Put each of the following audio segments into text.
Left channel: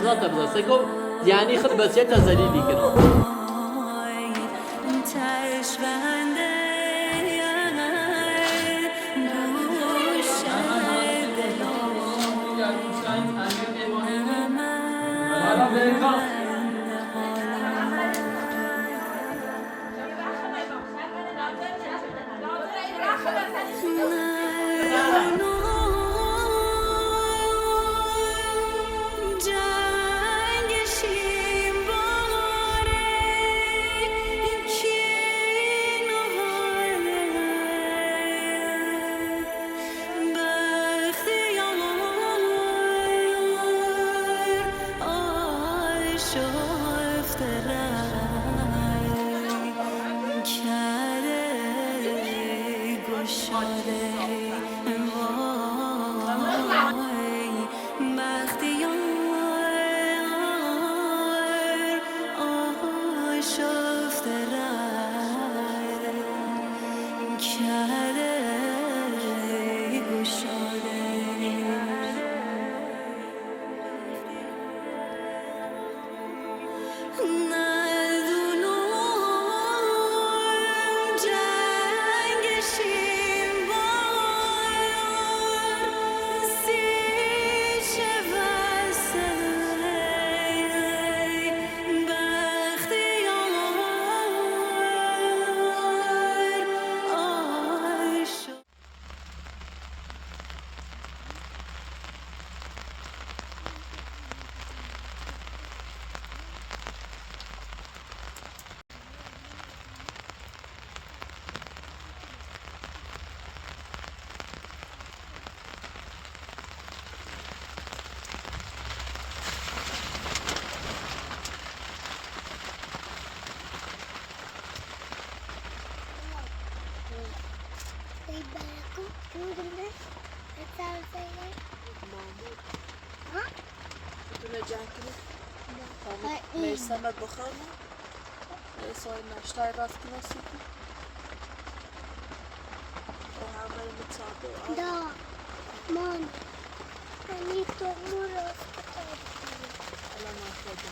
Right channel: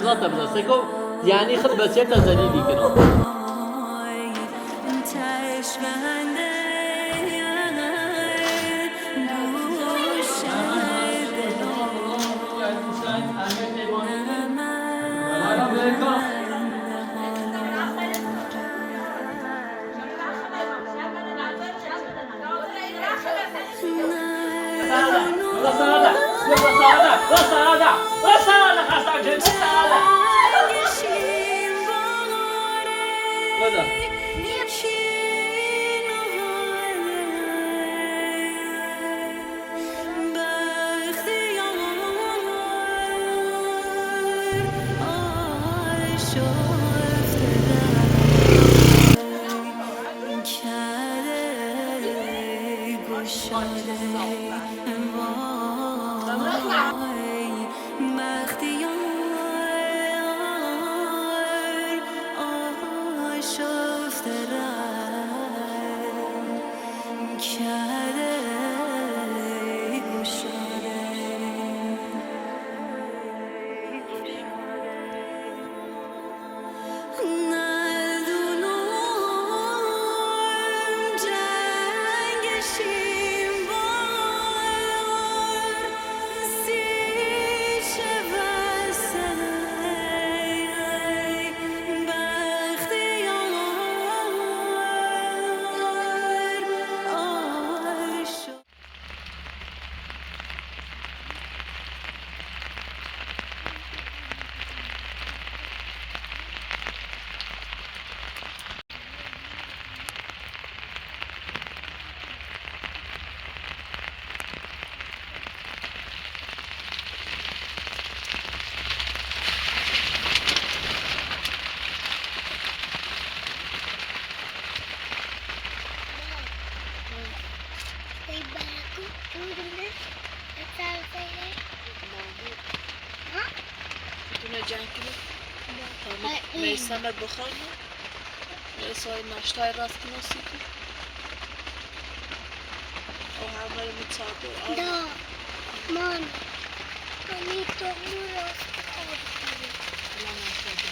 امضا تبدا سکو یعنی خب بسیار تزلیلی کنم میسمت بخار میسای ناشتای راست کناسی که او همه رو متصابه دا مان منی تو مو راست کناسی الان ناشتای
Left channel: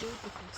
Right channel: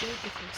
beautiful.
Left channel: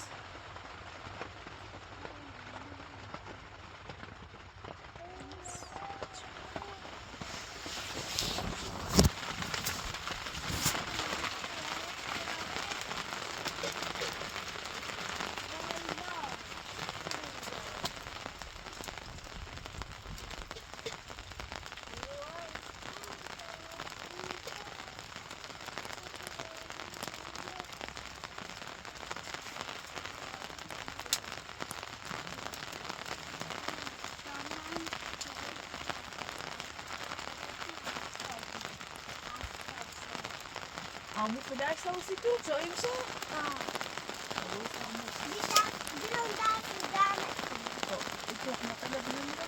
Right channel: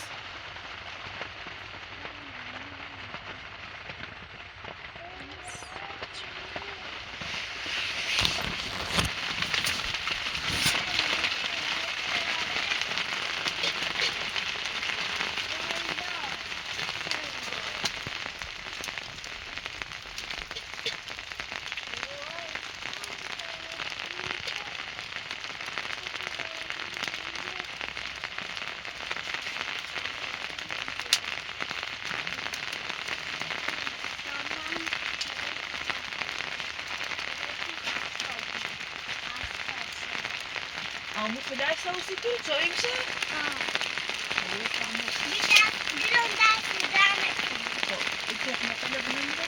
Armut mu derse o sütü? Söyleyeyim mi? Bir ondan devam ettim. İki mesela bunun da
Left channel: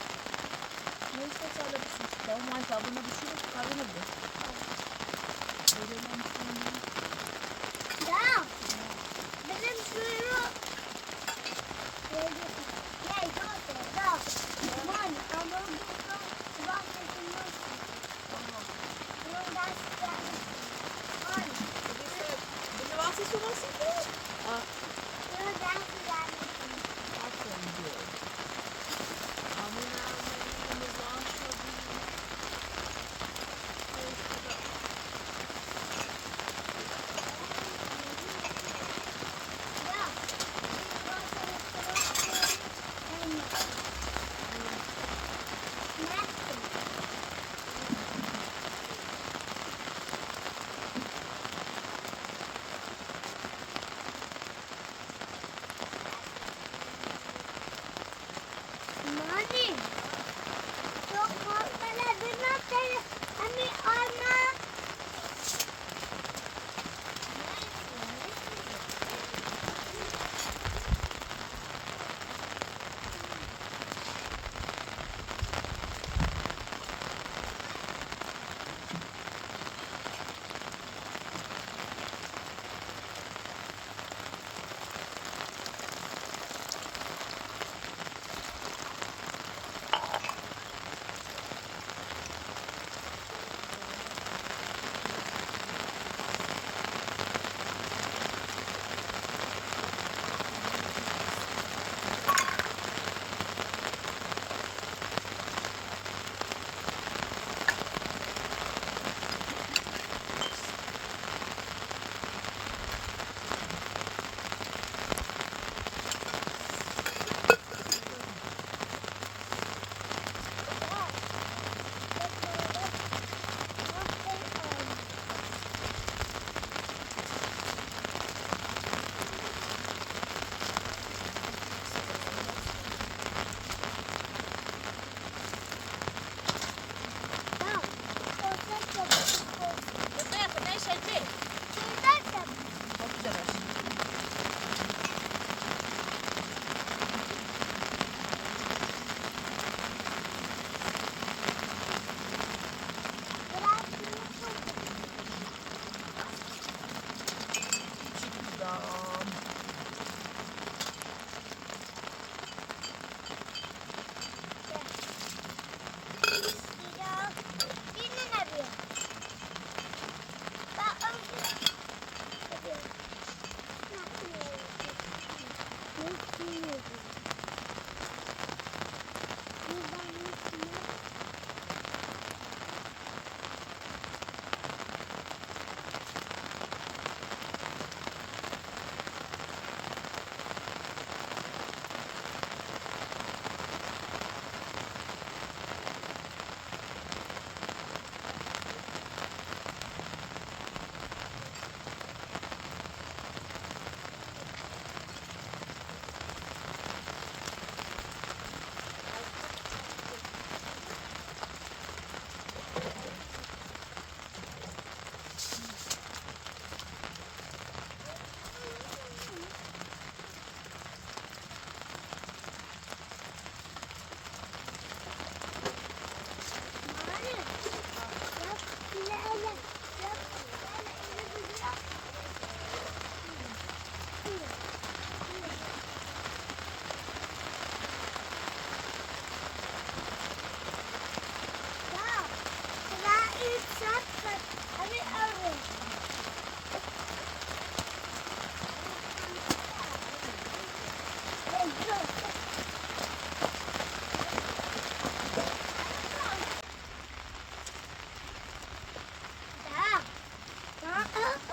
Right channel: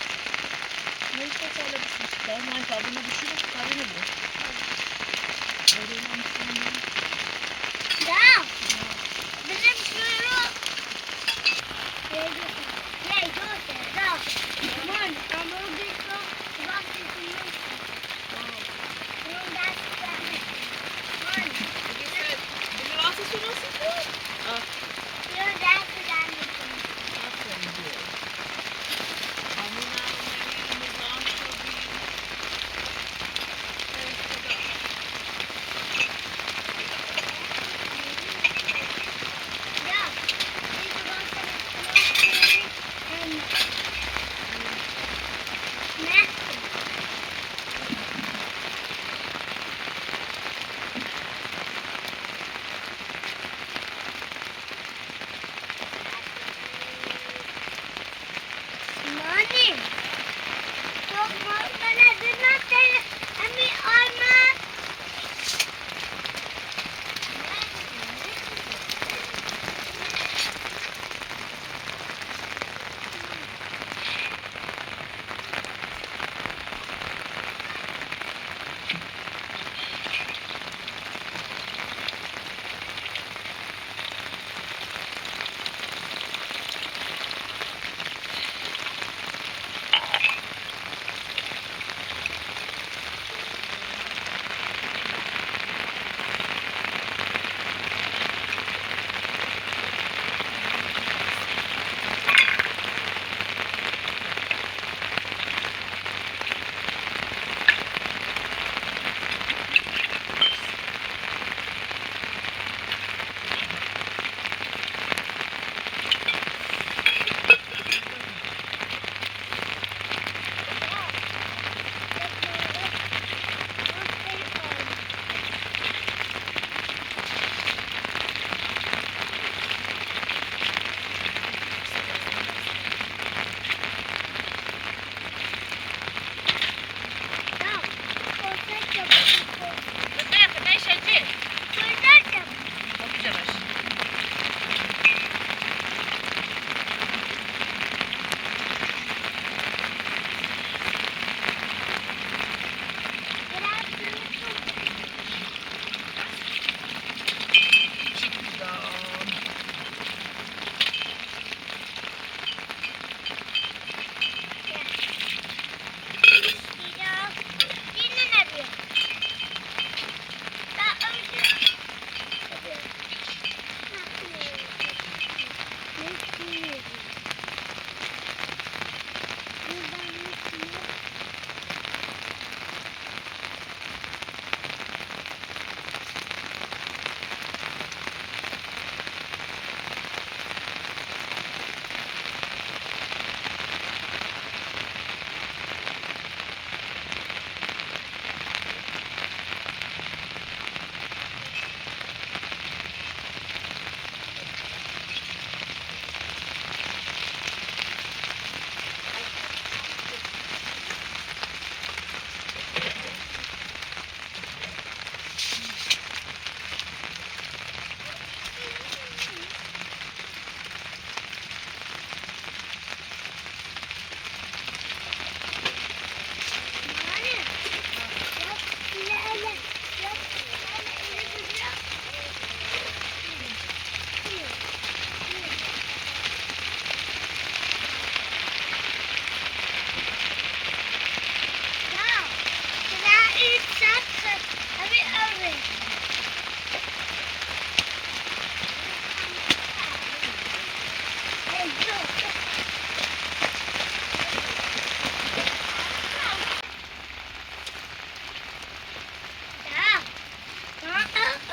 neyse söylemişsin. Tamam Ayşe abına düşürüp kahveni bu. Tamam. Bizim şunu Yay, Dosage, da. Man, ama o bir çok bak etmiyor. Bunun dersi devam ettim. Man, Bir rahatsız olmasın bu. bunun dersi devam ettim. Aferin diyor. Amına menümüz aşağı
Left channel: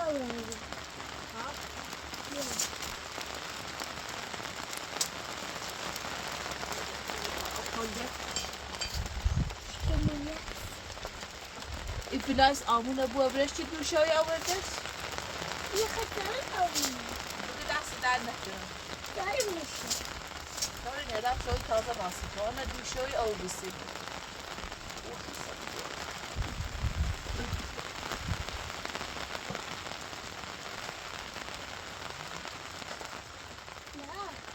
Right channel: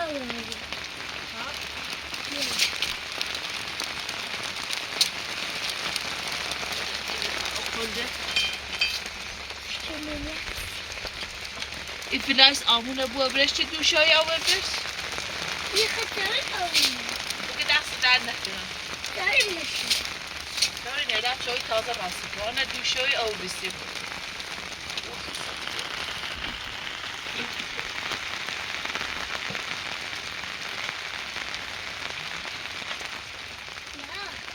alıyorum. Okulda. Şimdi İflas amına bu öbreşçi duşayı avırırız. yıkatırım alıyorum. Bugün ders der nektiren. Görür müsün? Görün ya da çayı taze bastı. Bana duşayı avırırsın.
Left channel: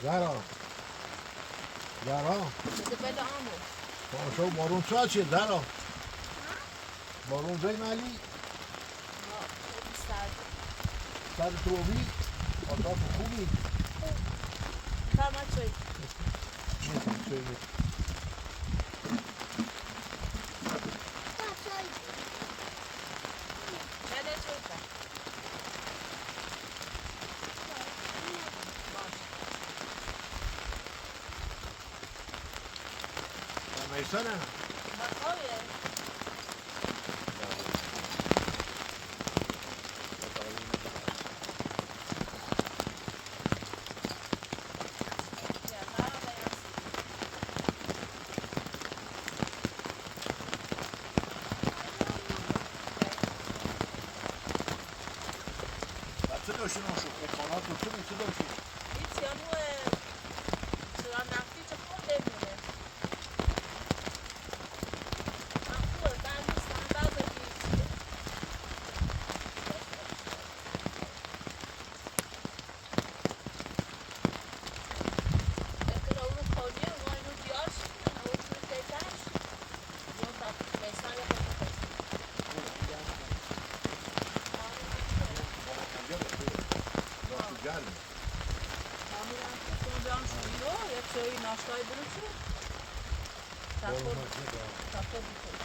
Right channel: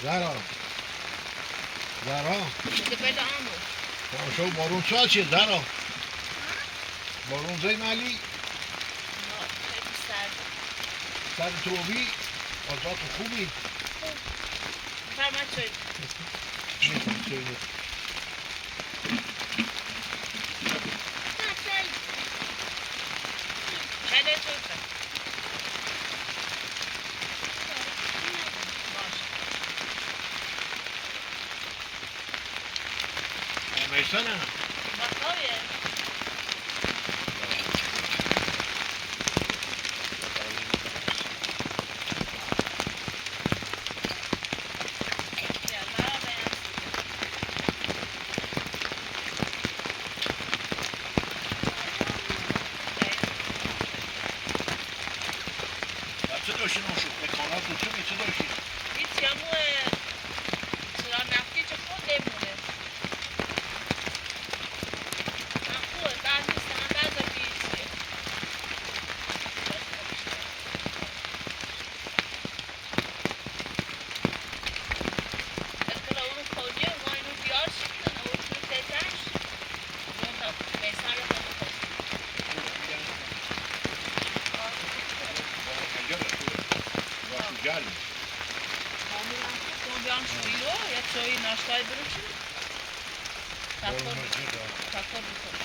Ya. زهرا Hadi böyle amur. شو بارون ساعت چیه زهرا بارون زی مالی Hadi serdi. سر توبی آتات خوبی Tamam çay. نیستم سیده Bak böyle. Çayda çay da. Baş. میسنه Bak ya. Ya merhaba ya. چه داشتی نوشو؟ اکانات رو چه چه داشتی؟ Hiç yamu sıra nakli çok demure. Aklı ben de sana ben de bir şey. Akıl onu koyuyor, onu diyor şimdi o tür dezaş. Bunu da mesela گرم Son bir an şuyu ya çayı naştayı bırakır. Takır bir koy.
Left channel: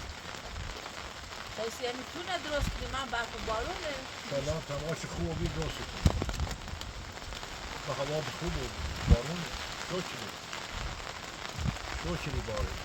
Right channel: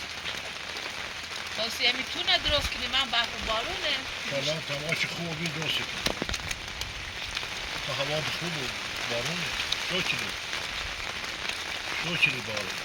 Tavsiye میتونه درست کنی من برف و بارونه سلام تماش خوبی درستی کن تا هوا خوب و بارونه شو چلی بارون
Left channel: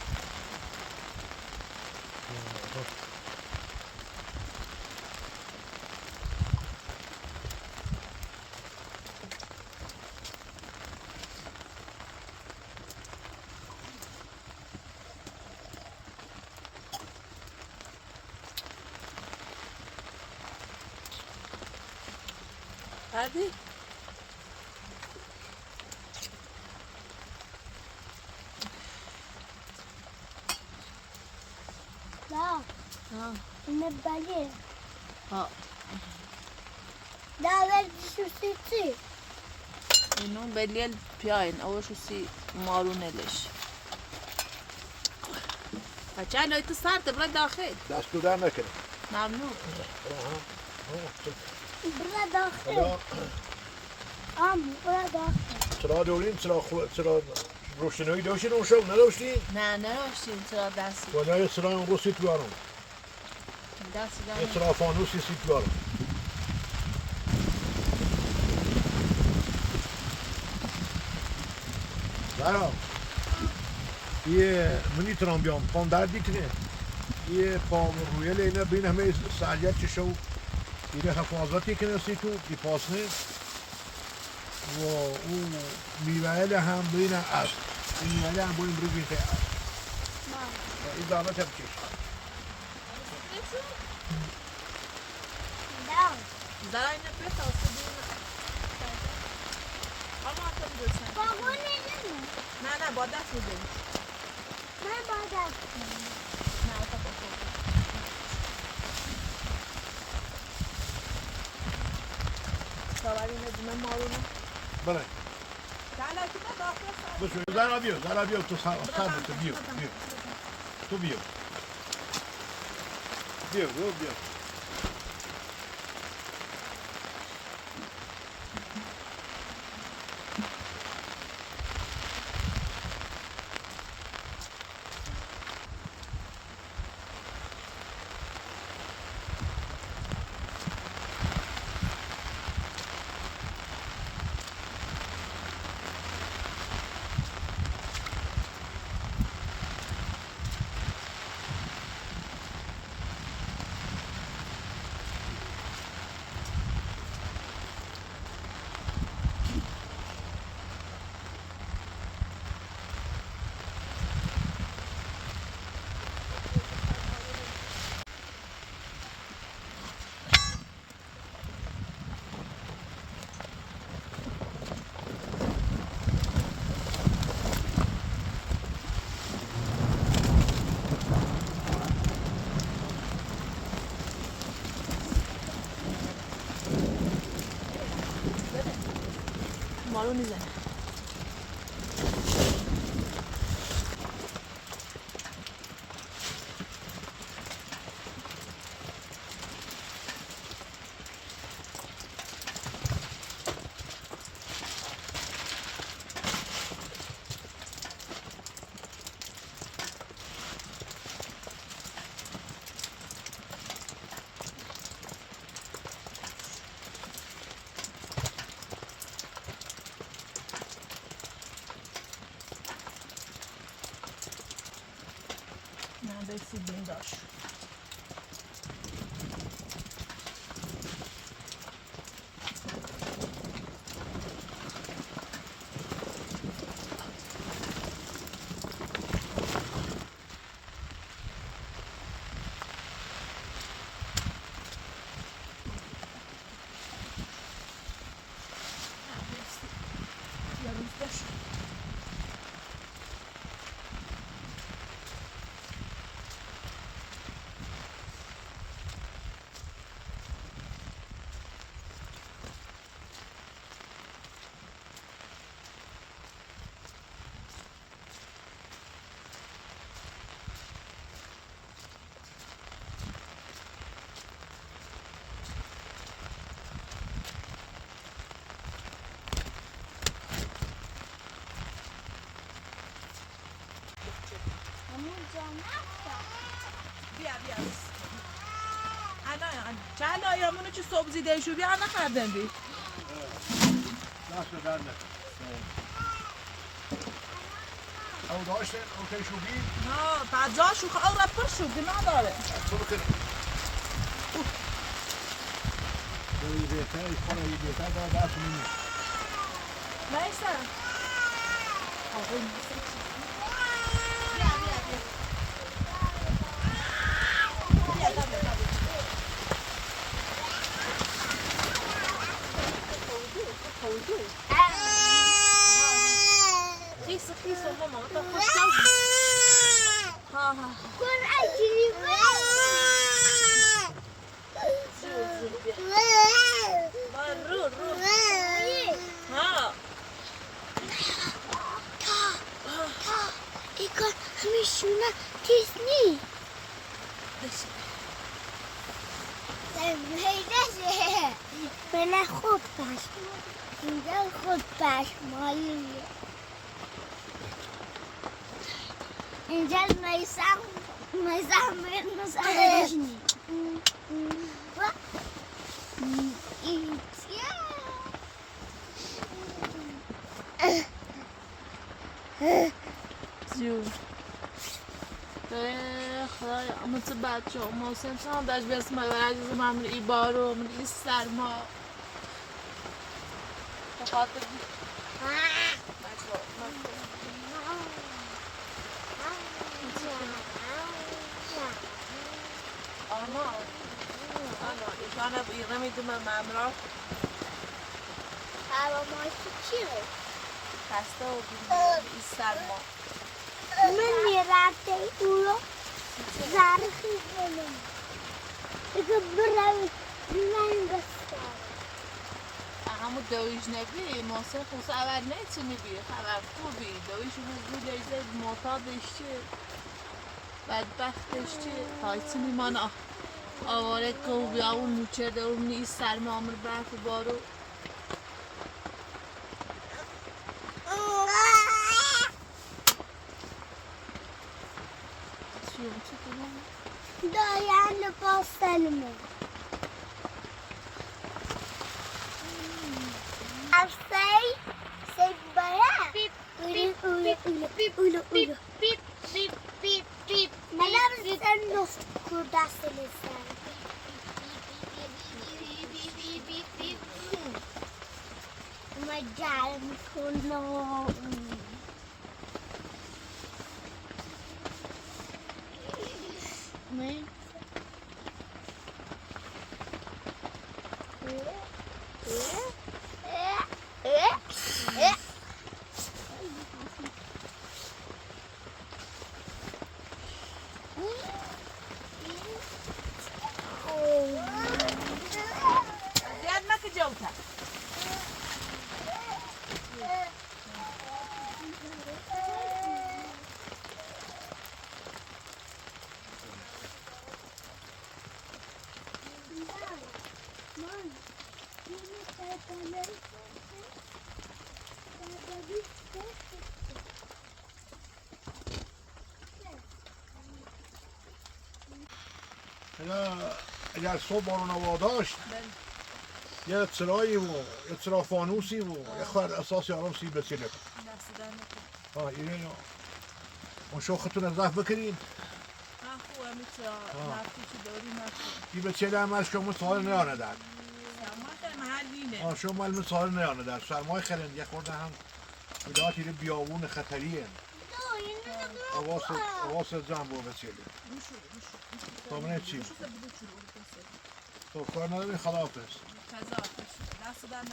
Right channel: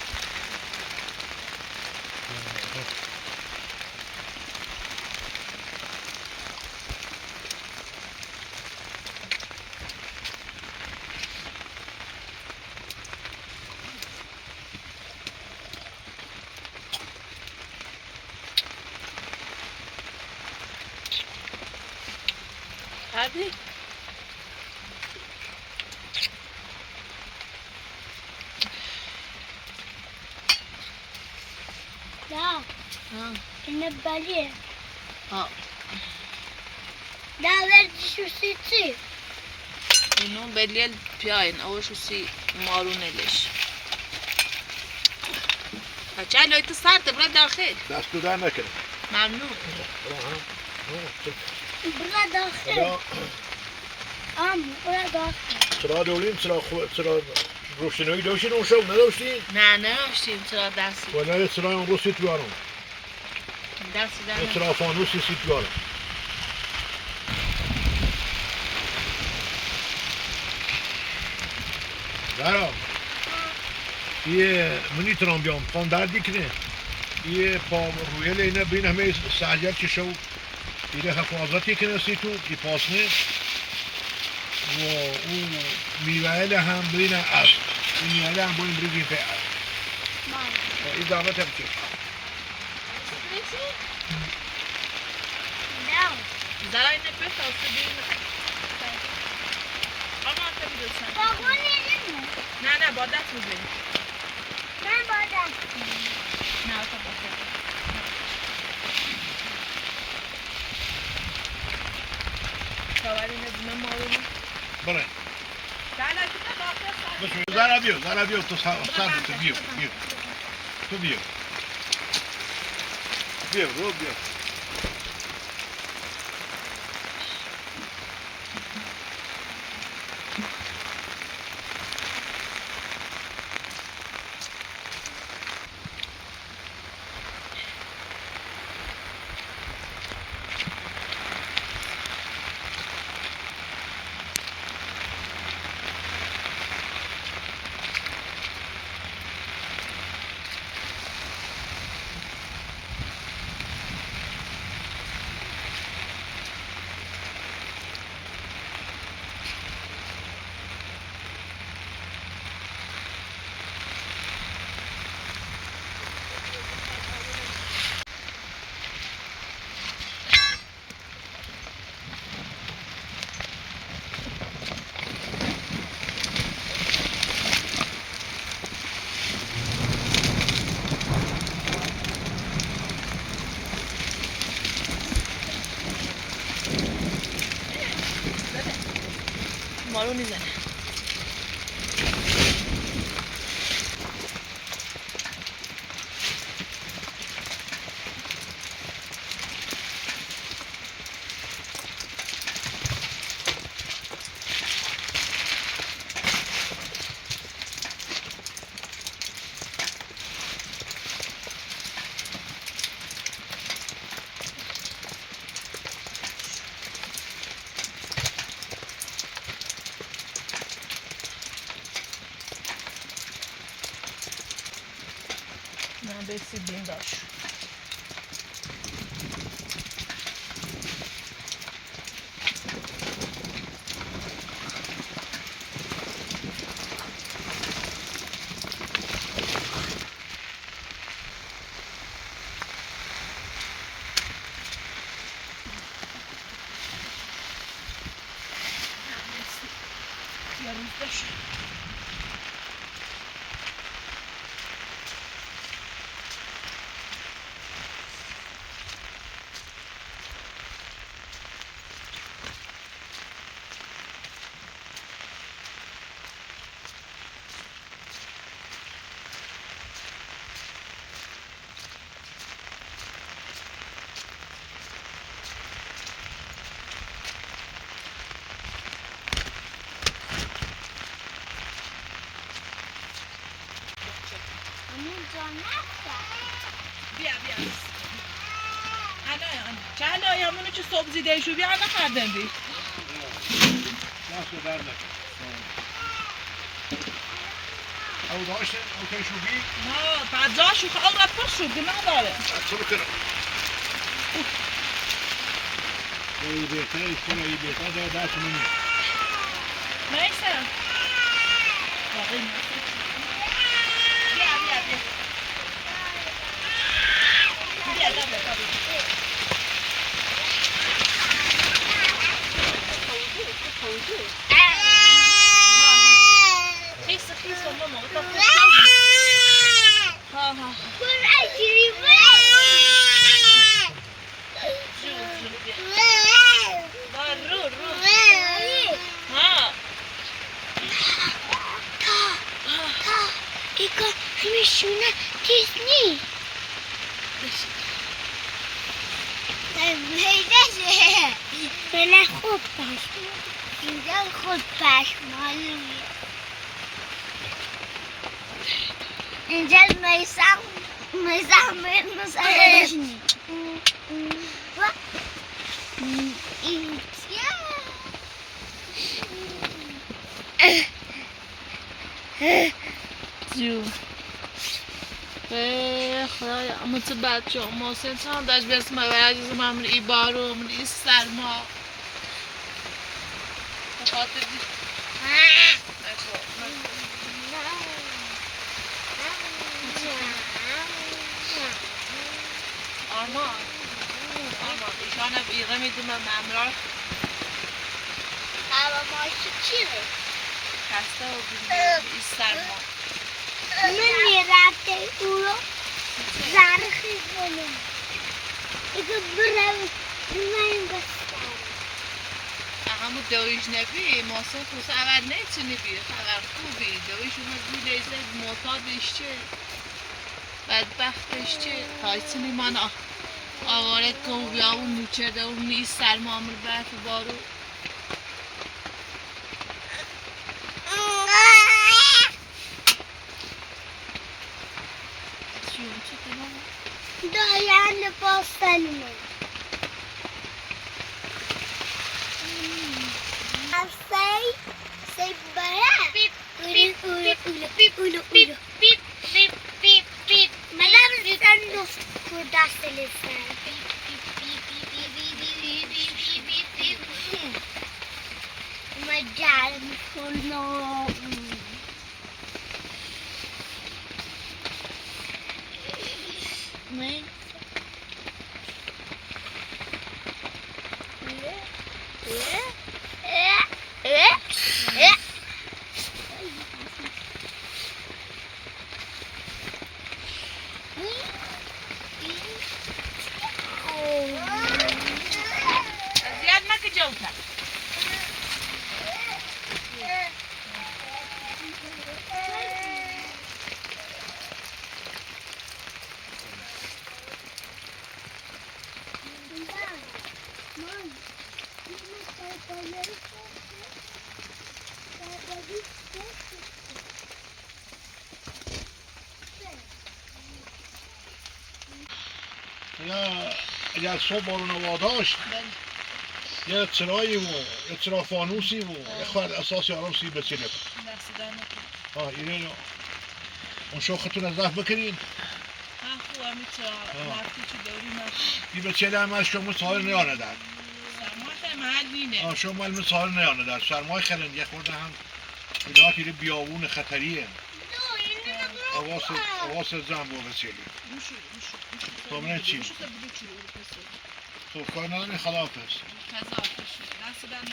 Hadi. Ya. Yine belli. Ha. Ya ver şu sütü. Bunun belli piyayn او شو سی مارونلش بچه لایت سرده برا داخل دست تو در نکنه ممنون Burada dahil. حالا Am burada dahil. چرا دولیم چرا روشنایی داشتین اون شب نداشتین؟ نه نداشتیم چرا دستی ولی یه چرا اون رو سیت بیارم دستی یه دارم چرا فانوسی سیت بیارم زهرا یه منی ترام بیام پام دردی کنه یه پا روی لینه بین همه سعجر که شو یه حفاظتی کنه سیتو که پاسنه و اون میوهل هم بین از این میوهل هم بین بریدیم به این دامه تبکه Ya. زرای نپیت آسه بیرون اما تا میدوستن Babam yedin mi? نه نه با دست بزنی Ben bardak. نه تا با دست سواری نزدیم مارونو برای دلکی نه داخل سر بشو زهرا بیو تو سر تو بیو تو بیو رو بیو ما رو میزنه. رسیدیم باش. بیا الان چند آیامونو که صبح زیده شو بیا نخردن بی دست در نکن او داشتن اوکی شو بی نه بعد جاشو او رفت شو گناه داره چه بکنم ای بهتر ای خونه ای بهتر داره دست منی نیستم خیس ماما ها ایکا همیشونه چیز نی بله خوب پش اینجا خود پش معلومه اینجا میسم مسئلهش نی جون خدایا اما چه بچه ها محسن چند داشت برسیم به عزیز من ای بارو من ای سرما بخاطر دی آرمان ایشانه بیغه میدیم ممرار هوا ماشی چیه؟ خسته و بیدیم ای سرما من میرفته اونو زرخی کنم اگه برم من بستم همون دویش نبی محسن خوصه اول نیچه نبی خبر خوبی دویش اونو دو لیزه معتادش چه بدبختش چه تایسونی من آواره که او بیا اون نوچرده اون نیست سرما امر برف بارو دارن لباس سلمه سی برا بیپ منم ریزن نفت کردست لسن مجال میکنم من زیاد مکه جوتر اگر صبح بارون هوا داشت یه چرایی و یه چرا فانوسی و یه خورد اساسی آرام سیب بچینه اینه اون شوختون از دفت بکنین خوب همین چرا رفتی چی داری نشد این بچینه همه شما سهار نیانه در سرمای خیلی محل نینه شما علم سهار نیانه در سرمای خیلی یه خورده هم بدهات ایره بیابون خطریه حواس زن با بچینه تامنه چی؟ تو کار نداری خلافه است دست دارم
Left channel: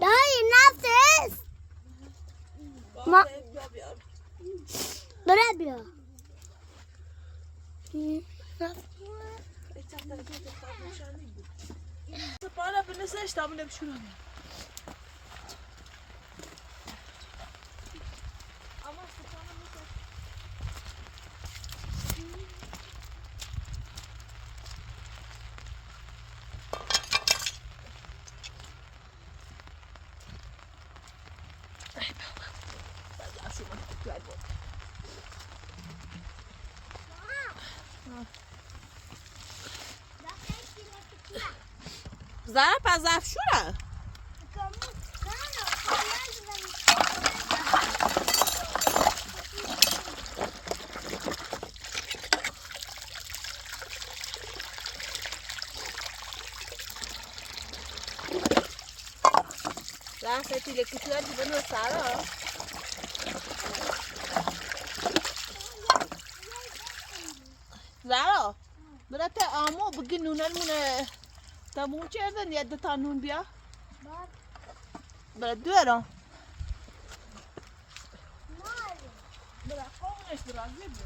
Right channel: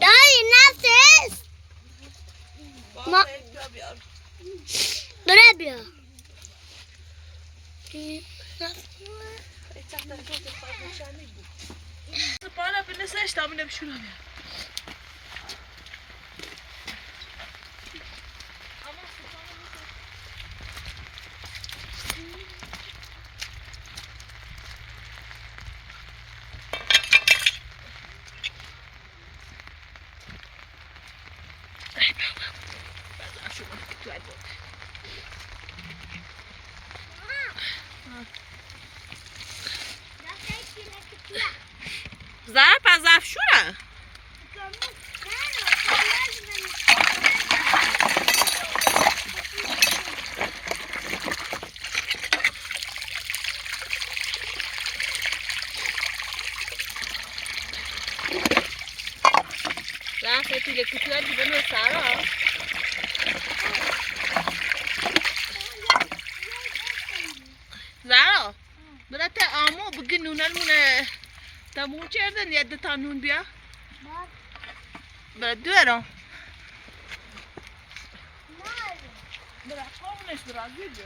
دایی نفس برای بیا سپانه بنسش تامونه بشونه بیا Tayyiba. 嗯 زهر پس افشوره زهر سپیله کتوه دیگه نو سرا زهرا برات آمو بگی نونمونه تموم کردن یه دو تا نون بیا برات دوره برات قومنش برات زیبه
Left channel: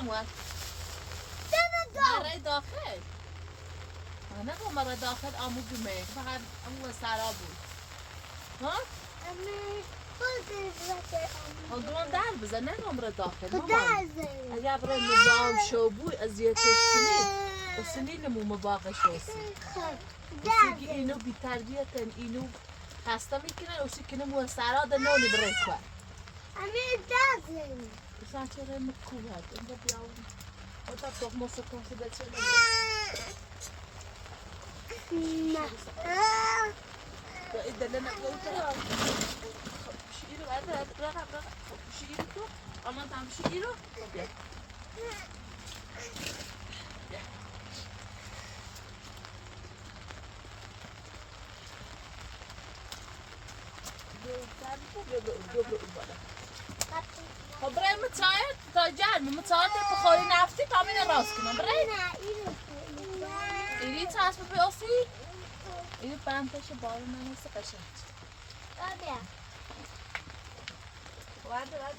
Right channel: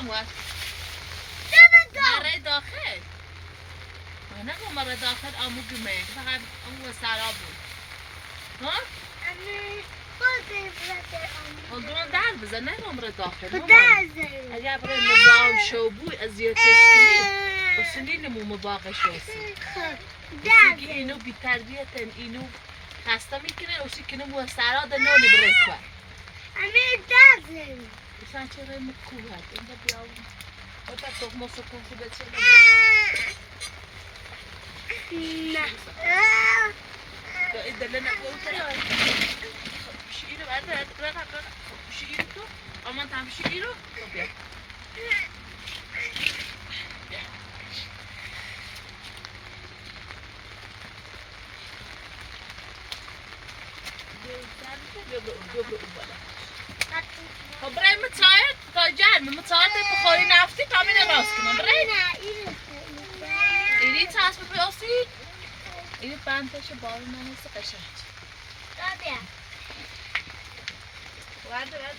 آمد مرای داخل نه مرای داخل آمو گمه فقط آمو سرا بود ها؟ اون در بزن نه مرای داخل اگر برای نظام شو بود اذیتش کنید اصلی نمو مباقش هستی اسی که اینو بی تربیتن اینو خسته میکنن اسی که نمو سرا ده نانی برای کار Sen çevreye mi kuvvet? Önce bir yavrum. O da dokması konsu geçelim. Ne? İddelene koyuyor. Şiiri ver. Bırak. Şiiri tut. Aman tam şiiri. Kopya. خب برای متعاید تا جرم متعاید بخوری نفتی تا همین راست کنم برای اینی چسب پیاسی اینی بندش بار من هست قشنگ ورده برای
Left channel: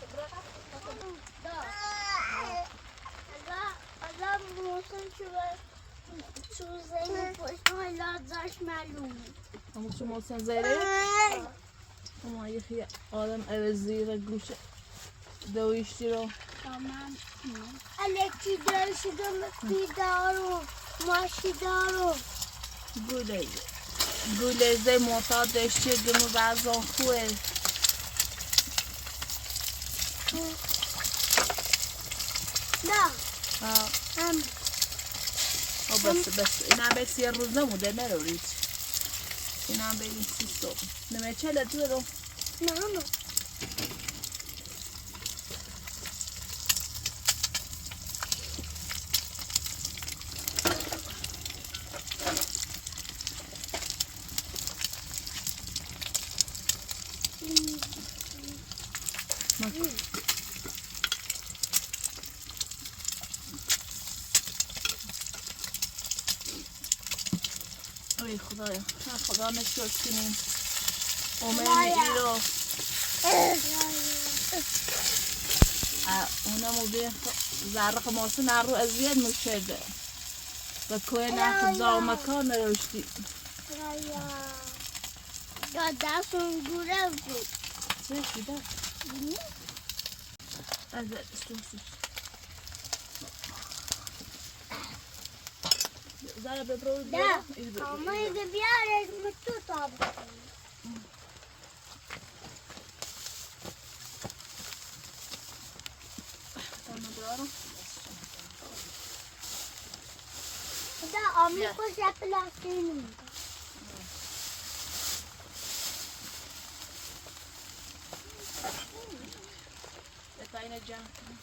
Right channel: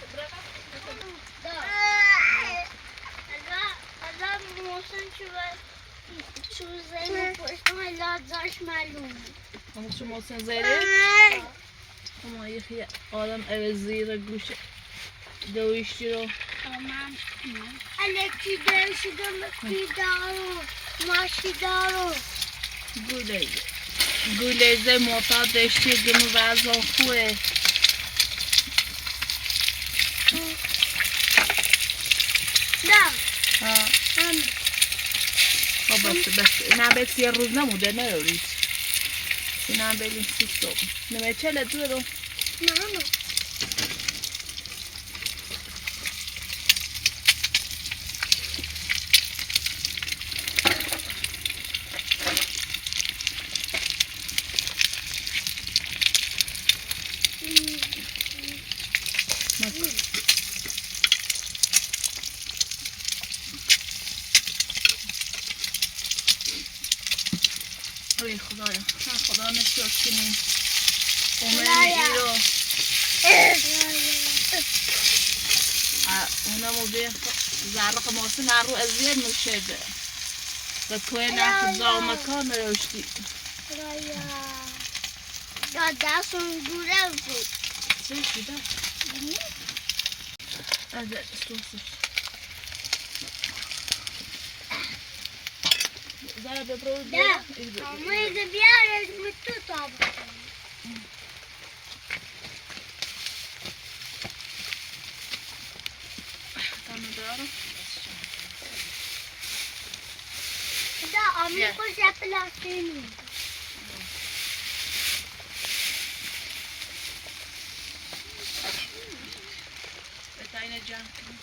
اگر موسم شو زیره پشت من لازاش معلوم همون شو موسم زیره اما یکی آدم او زیره گوشه دویشتی رو تمام الکی دویشتی مکی دارو ماشی دارو گولیزه معتاد داشتی گمو وزن خوه نه بس اینا بس یه روز نموده نرورید اینا بریم 30 صبح نمه چله دو رو نه ای خدایا خدا نشد کنیم اومد ایرو اونمو به زرق ماسه نرو ازیاد نشده و کوه نخ زامکان روشتی یا دستون دوره بود چه شده؟ از استوسی زاره ببرو نه اما ایده بیاره تو تاب تامه دارم آمیخوش پلاستیک نیست. بتاین جمع کنم.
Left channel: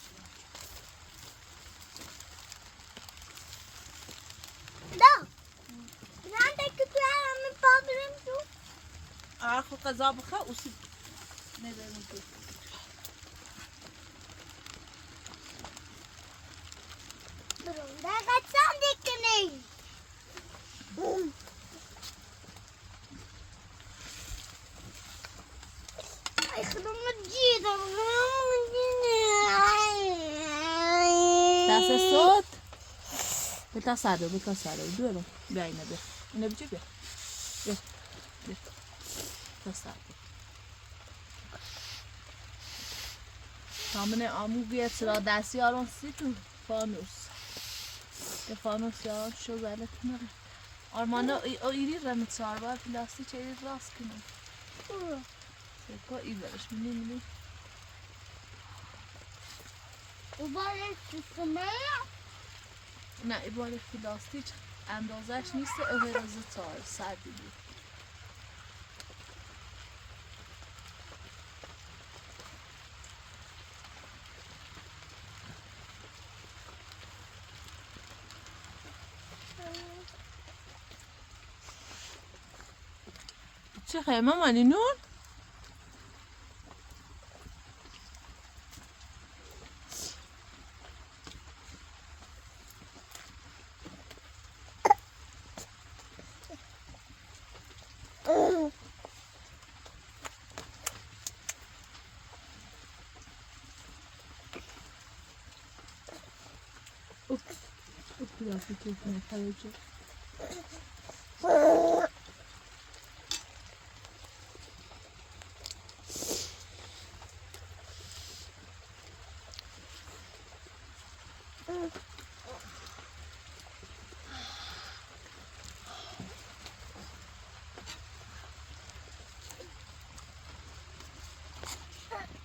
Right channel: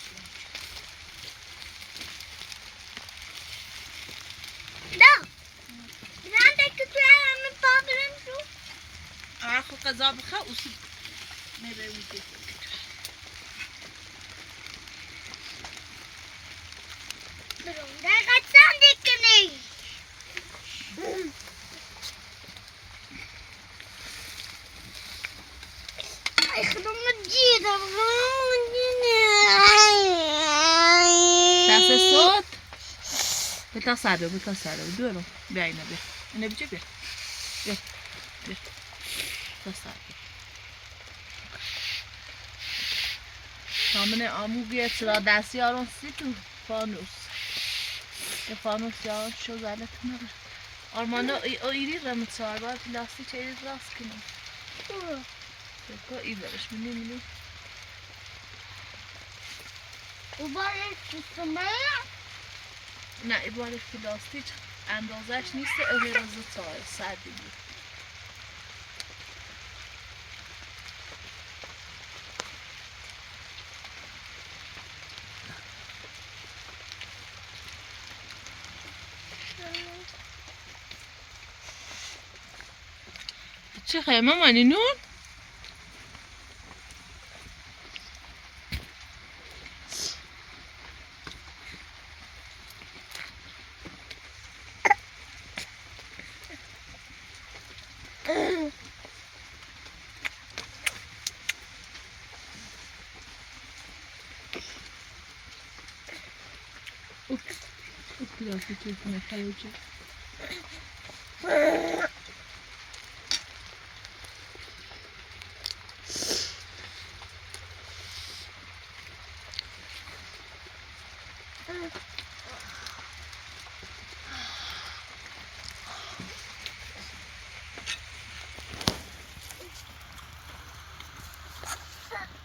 نه. نه که تو همه پاکرم شو. آخو قضا بخوا اوسی نبیمونی. برون دقیقا سم دیکنی. ای خدا مجیدم. دست صوت. بتا ساده بیارم. بیا اینو بیا. اینو بچه بیا. بیا. تا ساده. تامنه آمو بیاد سر دستی آرون سی تو فانوس. به فانوس یاد شو زده کنه. آرمانا ایری رمت سار باید لاستی چه راست کنم. بکو ای برش میلی. دوباره کسمه. نه ایباره لاستیک اندازش نیست اغراز تای سردی بود. چه خیلی مامانی نون؟ biraz bir keyfine kalacak.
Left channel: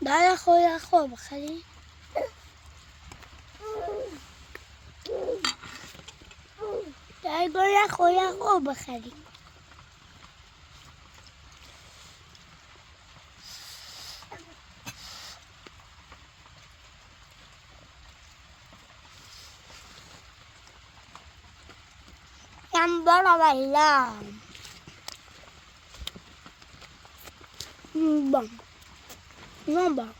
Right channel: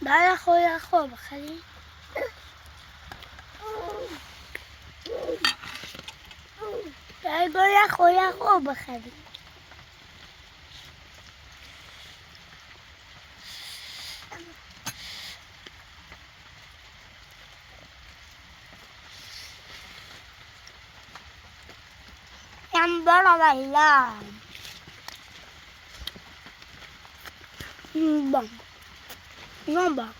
برای خود خوب بخری برای خود خوب بخری bara والله بام بام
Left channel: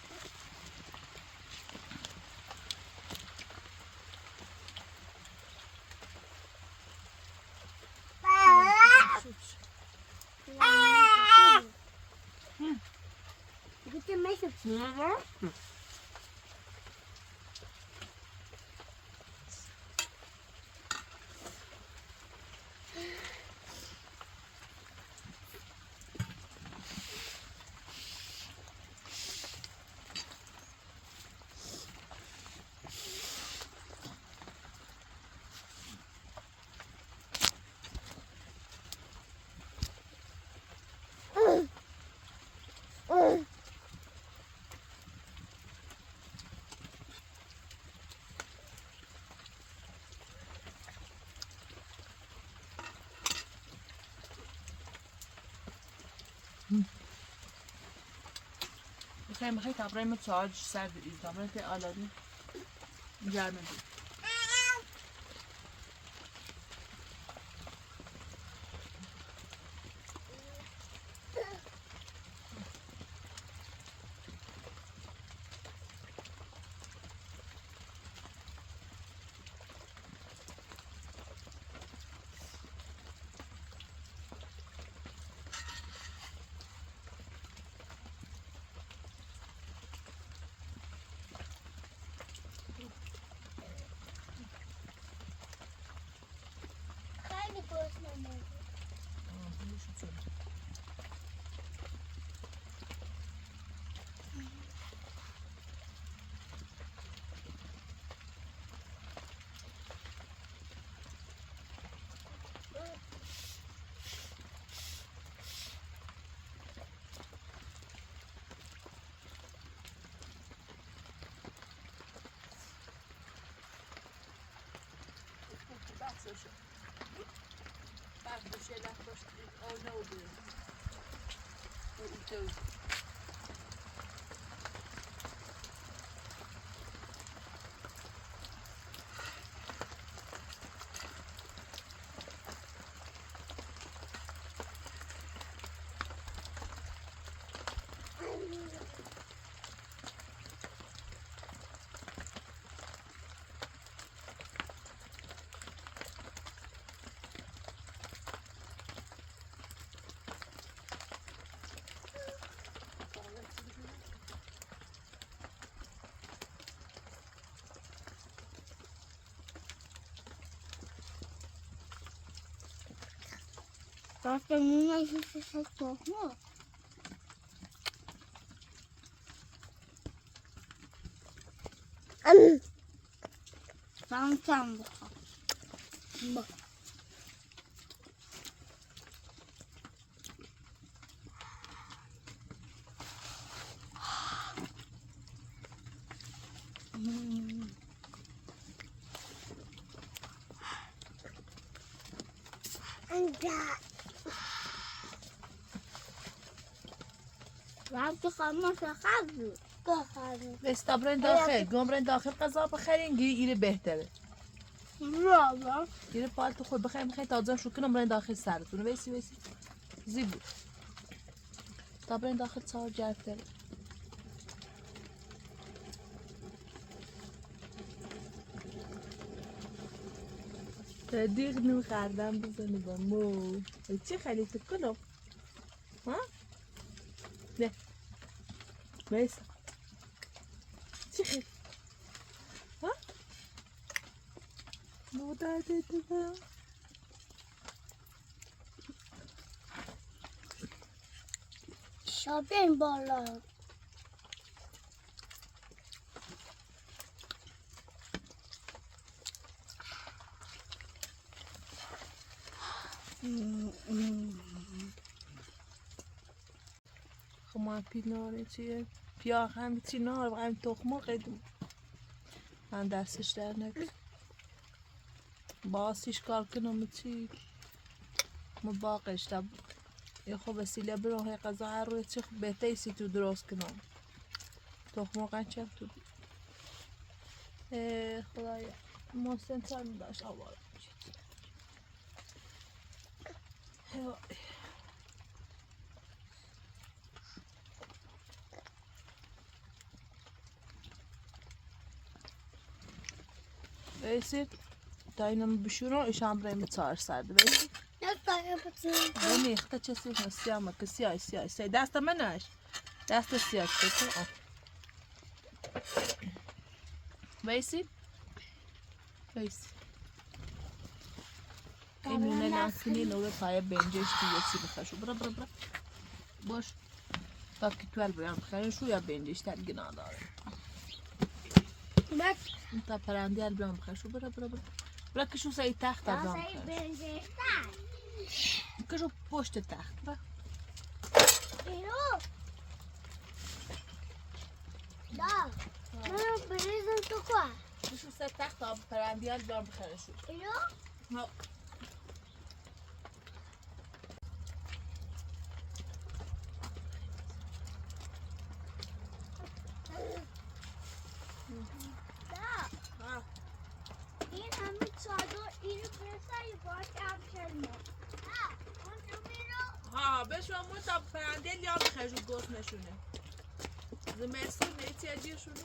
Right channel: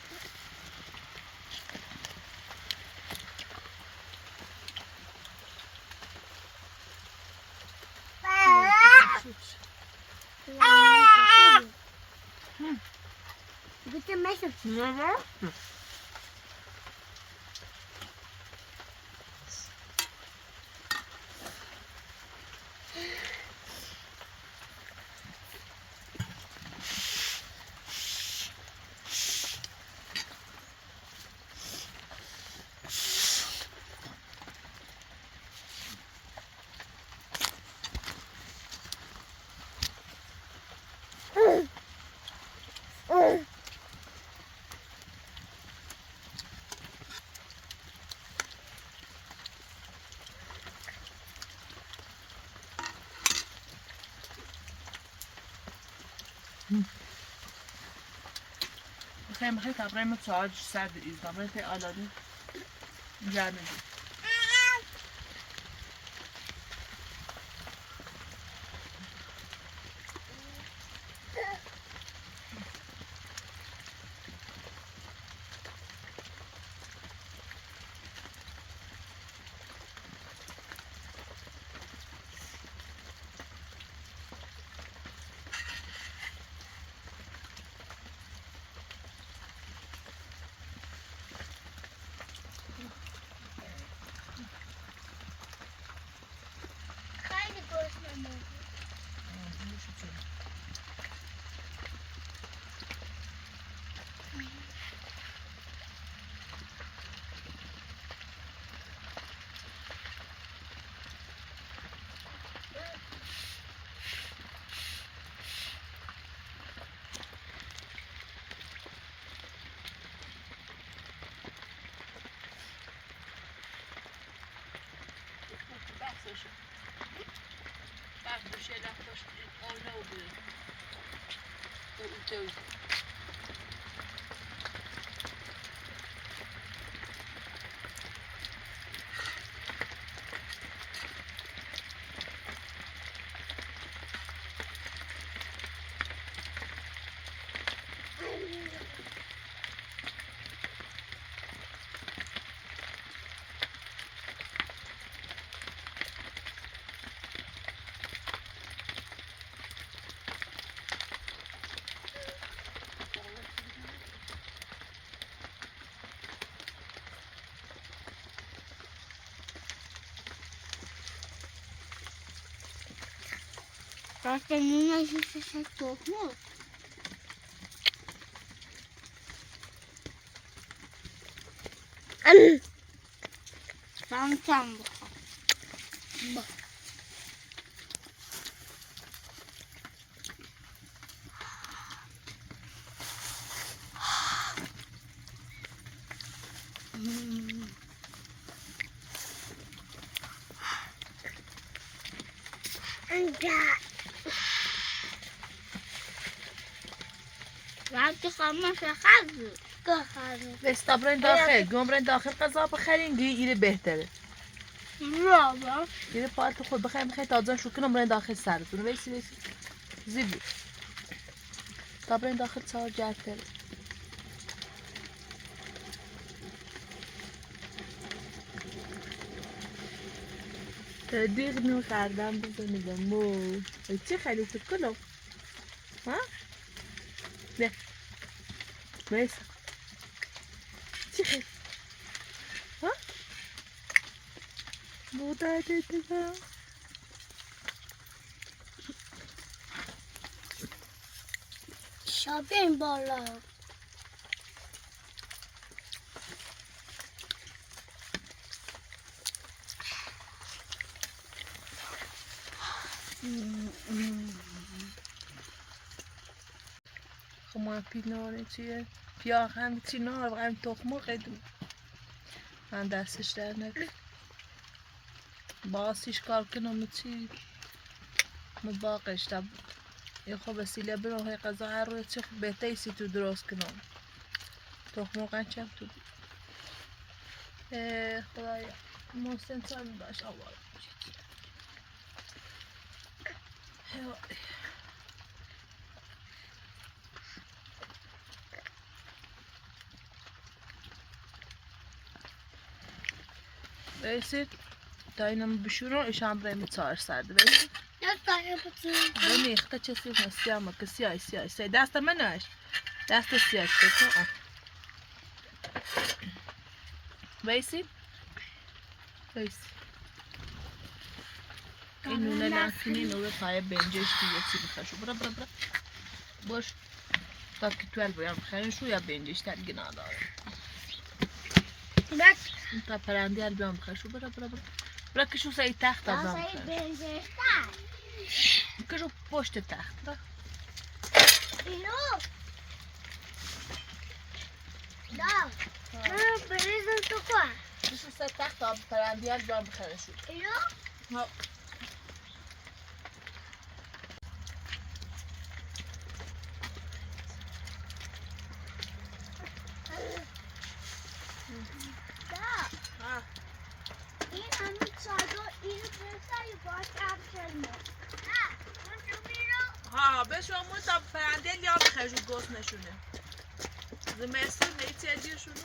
Bitte Messer. بخیر بخیر تبرای ما تاج سرد ایزدامه تی آلاده جرمه دید خیلی گرسنه‌ام. بحثشه بشه باش آنها و به Zaten yine hiç ses yok mu? Sen bak. وقتی خواهم شخص بس برین داخل گم برین داخل غذا بخرین دیگه ایره بهتره بابا دیگه پالت خود بخرین تازه شو کنم برین داخل سرتون ویسی زیبی تا برین داخل سار جرتره دیگه نو خردم بزنیدم مو چی خیلی فکر کنم ها؟ نه ویسا چی خیلی ها؟ بوده دیگه شابین بالا خب ما پیناره چیه؟ پیاه هم چی نار و هم تخمه قیدم من دستش در نکن باسیش کار کنم چی مباقش تب یه خب وسیله برای غذا هر روی چی خب بهتایی سی تو درست کنم تخمه قنچم تو خدایا محسن سال باش آوار Veysi, dayınamı büşürü, işam buraya çağır sardı. Veysi. Ben ne işte çesiyim, siyah mı? Siyah. Say, dasta menaş. Dasta siyah işte. Veysi. اینو نلافینی نور Tayebe bence işte yetsi بخشو. برا. Boş. Bak ki 12 بیام بخرین شو یا bence işte gina داره. Bak. تا پرنده بیام بخشو. برا. برا که شو سعی تخت بیام بخشو. که شو پشت تخت. برا. اینو. دا. من بریزم تو که. شو سعی تخت تا پرنده بیام بخشو. اینو. ها. این همه چادر اینو بسایی باید کمترمه اون تو بیرو ها بشو همون تا پرنده لیا بخشو گوست نشونه زمستون نیتی اجیرشون رو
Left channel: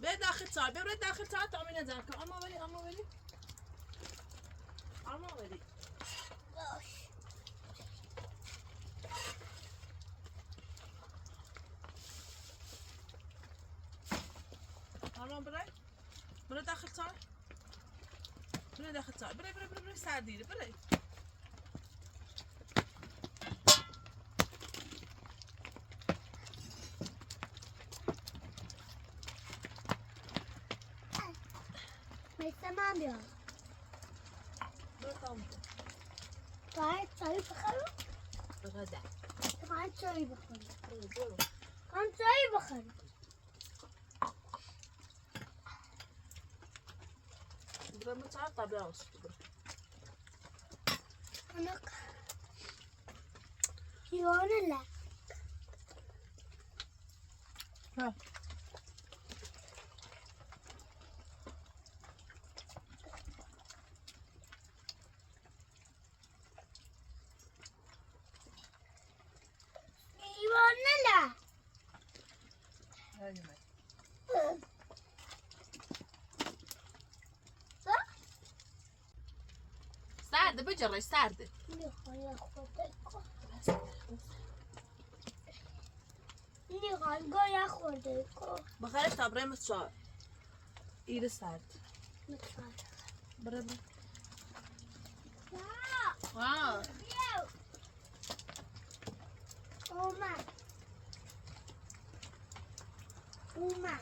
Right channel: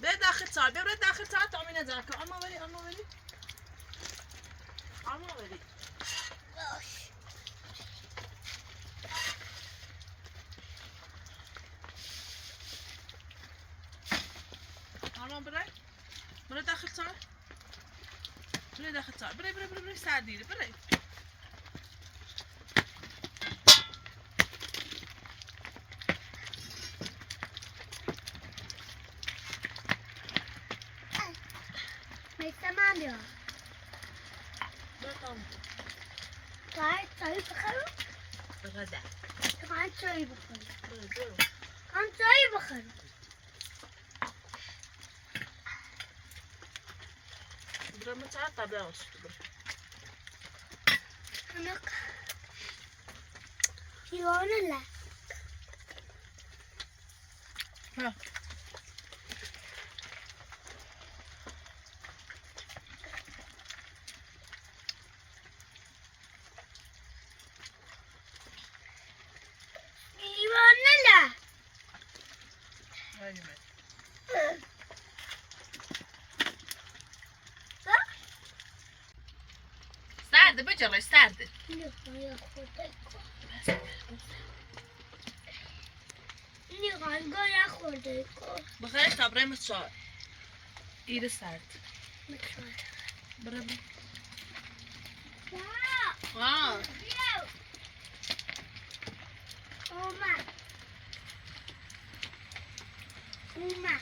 به داخل سار ببره داخل سار تا امینه زرکه اما ولی برای داخل سار برای سر دیره برای مثل من بیا باید چایی بخرم بغده باید چایی بخرم برو هم چایی بخرم Şuramı çağır tabi olsun. Anak. Yone la. Ha. Yone la. Hadi mi? سرده بجرش سرده نخواه خورده کن نخواه خورده کن بخیر تبره متشار ایده سرد میخواه بره بره نه اومد اومد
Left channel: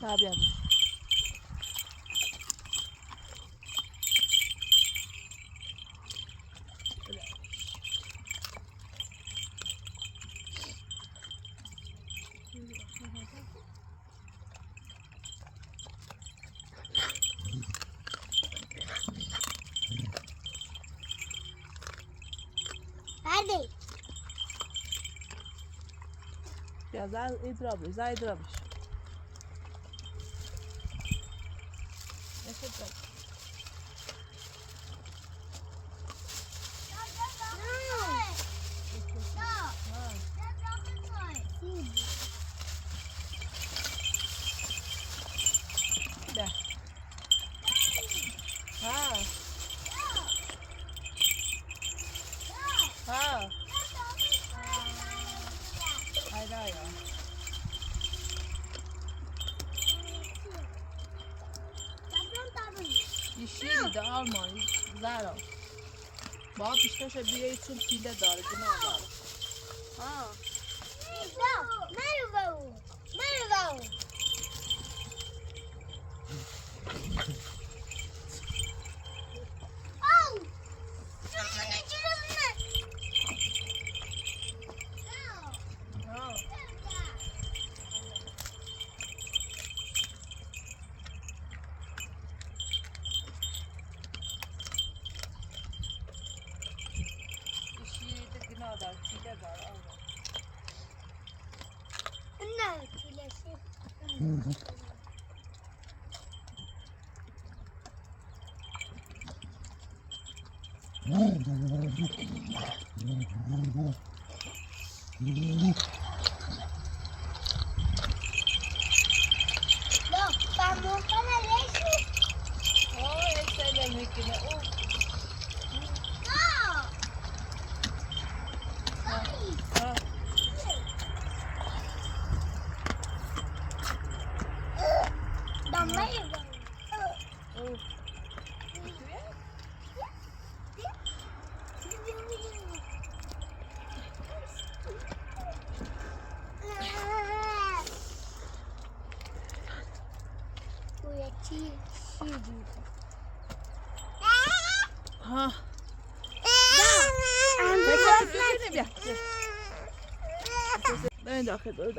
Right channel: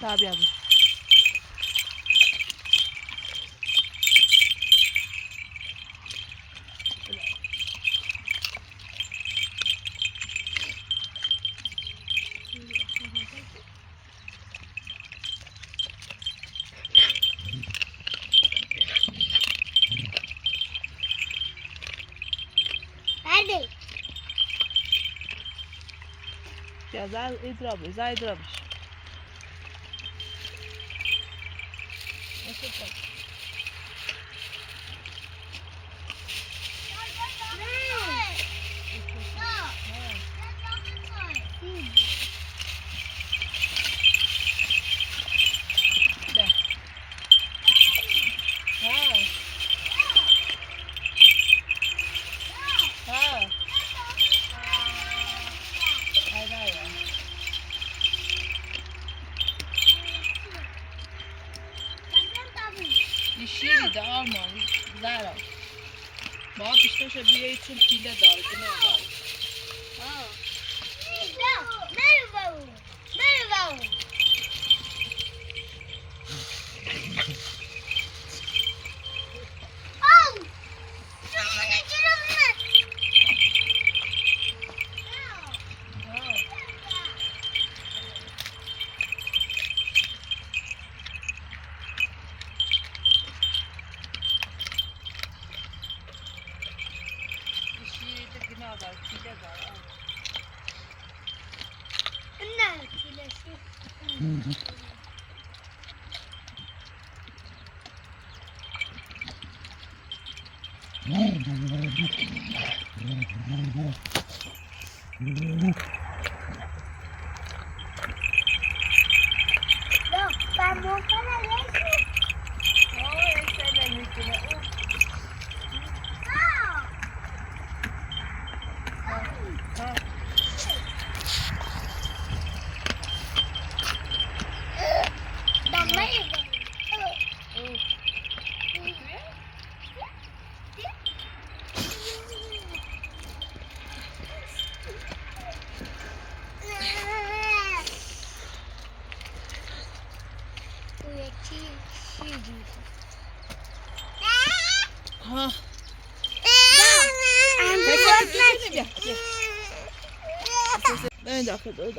Tabii abi. Hadi. Ja, zij eet zij drobisch. Dat is het. شیری ده آلمان زهرا با پیشتاش بیایی چون پیله داره گناه داره پیله داره نه پیلشی Ha. Ne dakika dur.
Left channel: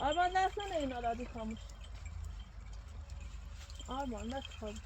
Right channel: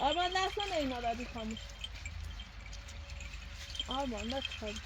Arban nasıl neyin aradı kamış? Arban da kalmış.